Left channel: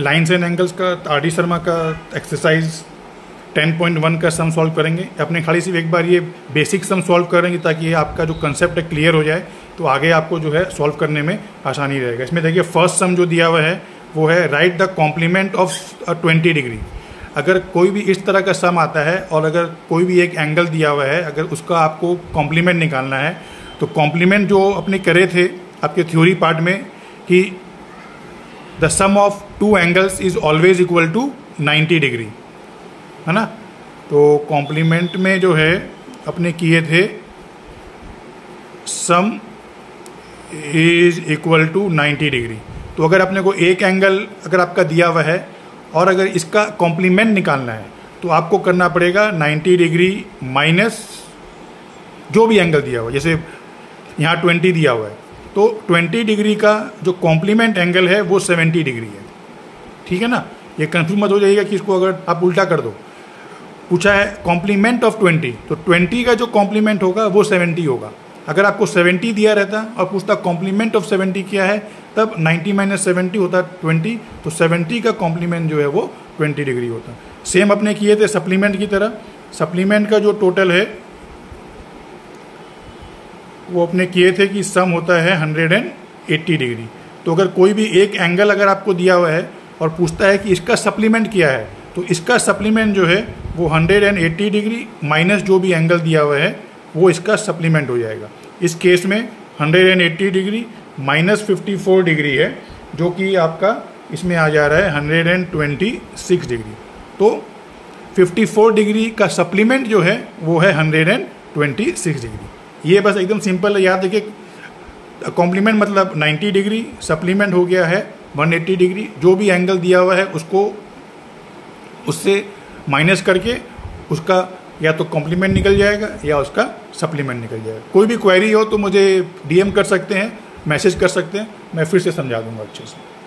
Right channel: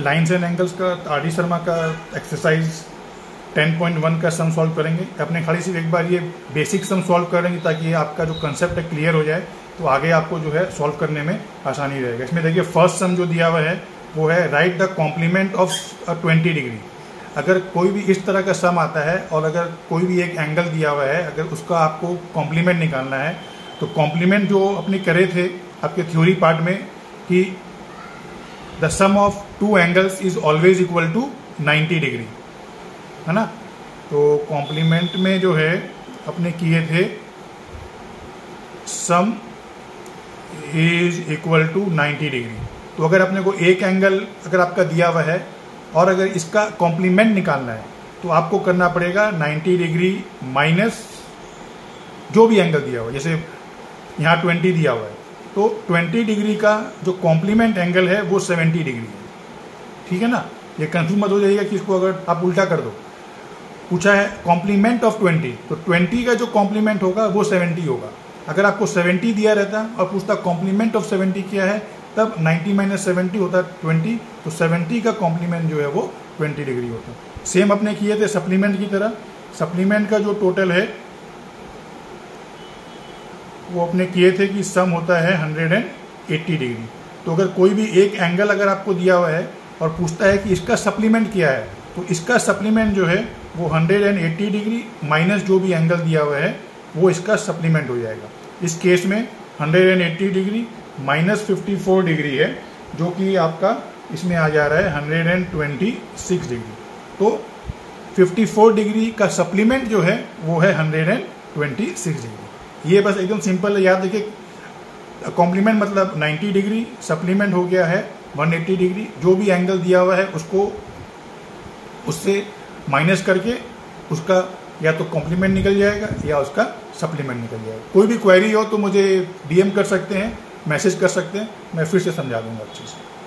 Lines and angles का RD. Sharma का exercise 10.1 का सम सॉल्व करेंगे। अपने खाली सिर्फ एक बार ये बेसिक सम सॉल्व करेंगे ताकि ये आपका जो कंसेप्ट है क्लियर हो जाए, तो आगे आपको जो है सॉल्व करने में आसानी रहेगा। इसमें देखिए फर्स्ट सम जो दिया हुआ है वो है right the complement of 20 degree. अगर कोई भी इस तरह का सम आता है और अगर कोई भी एक एंगल दिया हुआ है, अगर उसका आपको कॉम्प्लीमेंट निकालना है, तो कॉम्प्लीमेंट जो अपने करे थे आपके थ्योरी पार्ट में कि the sum of two angles is always equal to 90 degree, है ना। तो कॉम्प्लीमेंट में जो है अपने किए थे sum is equal to 90 degree. तो अगर अपने को एक एंगल अगर आपका दिया हुआ है और अगर इसका कॉम्प्लीमेंट निकालना है तो आपको करना पड़ेगा 90 डिग्री माइनस जो भी एंगल दिया हुआ है। जैसे यहाँ 20 दिया हुआ है तो 20 डिग्री का जो कॉम्प्लीमेंट एंगल है वो 70 डिग्री है, ठीक है ना। ये कंफ्यूज मत हो जाइएगा कि इसको अगर आप उल्टा कर दो। पूछा है कॉम्प्लीमेंट ऑफ 20, तो 20 का जो कॉम्प्लीमेंट होगा वो 70 होगा। अगर आपको 70 दिया रहता और पूछता कॉम्प्लीमेंट ऑफ 70 क्या है, तब 90 माइनस 70 होता 20, तो 70 का कॉम्प्लीमेंट जो है वो 20 डिग्री होता। सेम अपने किए थे सप्लीमेंट की तरह। सप्लीमेंट का जो टोटल है वो अपने किए थे कि सम होता है 180 डिग्री। तो अगर कोई भी एक एंगल अगर आपको दिया हुआ है और पूछता है कि इसका सप्लीमेंट क्या है, तो इसका सप्लीमेंट जो है वो 180 डिग्री माइनस जो भी एंगल दिया हुआ है वो इसका सप्लीमेंट हो जाएगा। इस केस में 180 डिग्री माइनस 54 डिग्री है, जो कि आपका इसमें आ जा रहा है 126 डिग्री। तो 54 डिग्री का सप्लीमेंट जो है वो है 126 डिग्री। ये बस एकदम सिंपल है, याद रखिए। कॉम्प्लीमेंट मतलब 90 डिग्री, सप्लीमेंट हो गया है 180 डिग्री। जो भी एंगल दिया हुआ है उसको उससे माइनस करके उसका या तो कॉम्प्लीमेंट निकल जाएगा या उसका सप्लीमेंट निकल जाएगा। कोई भी क्वेरी हो तो मुझे DM कर सकते हैं, मैसेज कर सकते हैं, मैं फिर से समझा दूंगा अच्छे से।